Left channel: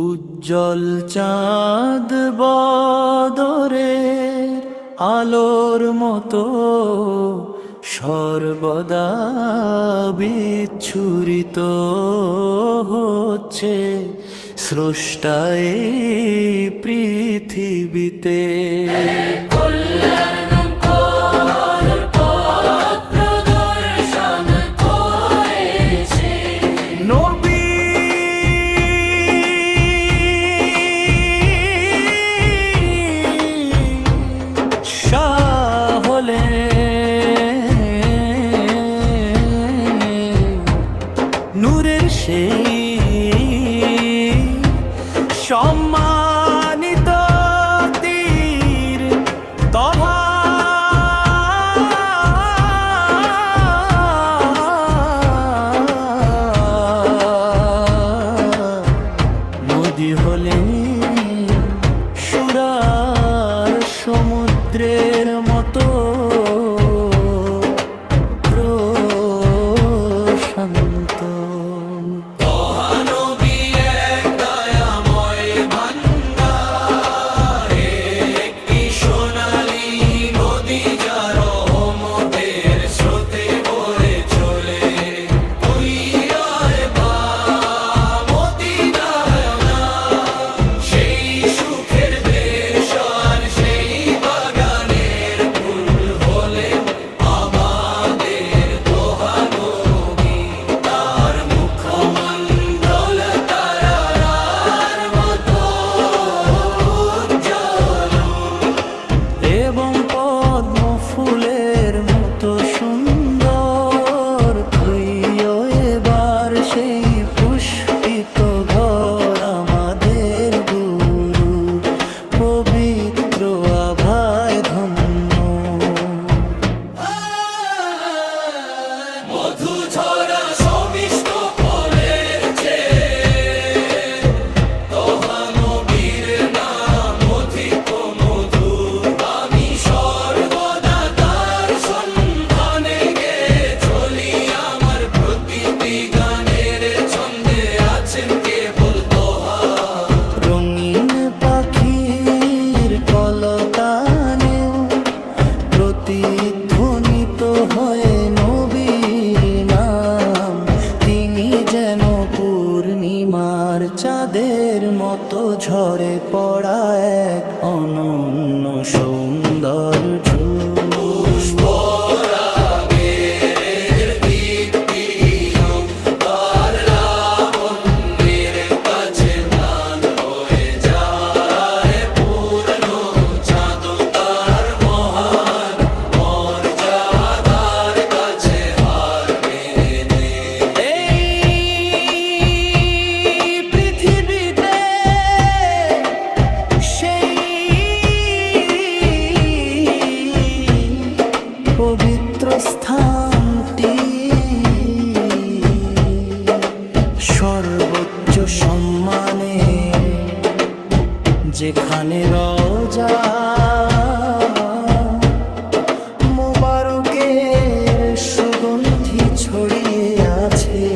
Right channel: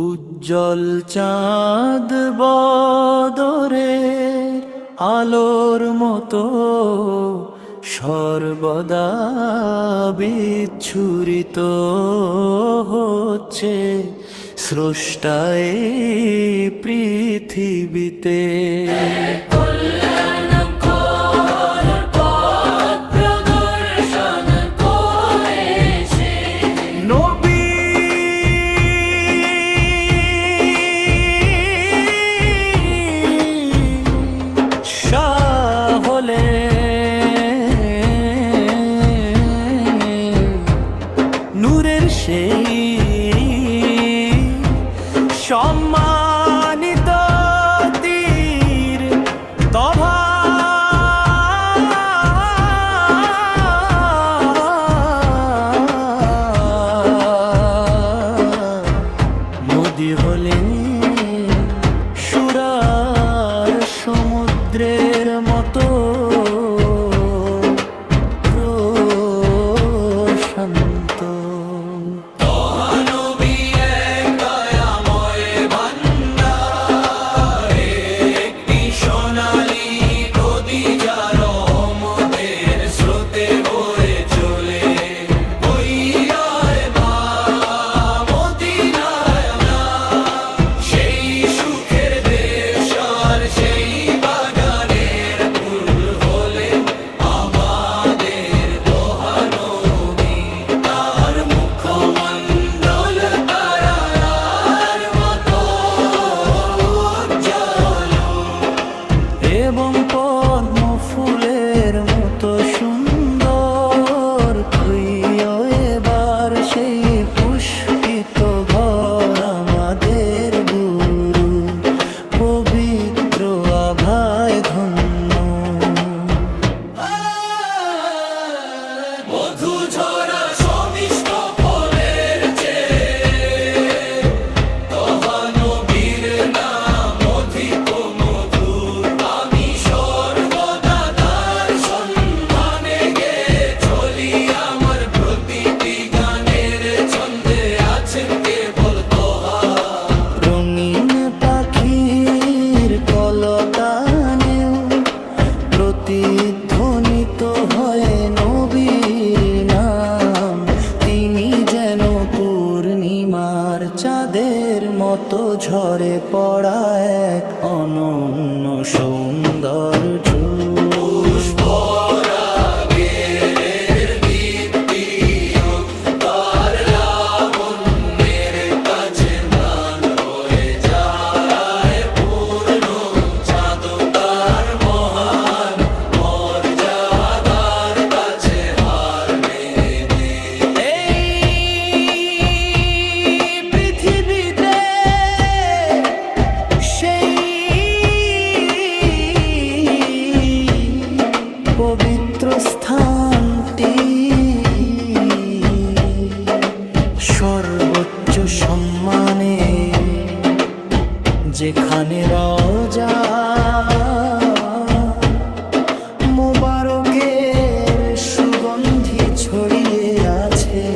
উজ্জ্বল চাঁদ বদরের আলোর মতো সর্বদা বিচ্ছুরিত হচ্ছে স্রষ্টায় পৃথিবীতে। নূরের সেই সম্মানিত তীর তভা মোদি হলেন সুরার সমুদ্রের মতো প্রশান্ত। এবং পদ্ম ফুলের মতো সুন্দর হইও এবার সেই পুষ্পিত ঘর আমাদের গুরু পবিত্র আভায় ধন্য। রঙিন পাখির কলতানেও প্রতিধ্বনিত হয় নবীর নাম। তিনি যেন পূর্ণিমার চাঁদের মতো ঝরে পড়া এক অনন্য সৌন্দর্য। পবিত্র স্থানটি সর্বোচ্চ সম্মানে, যেখানে রওজা মোবারকের সুগন্ধি ছড়িয়ে আছে।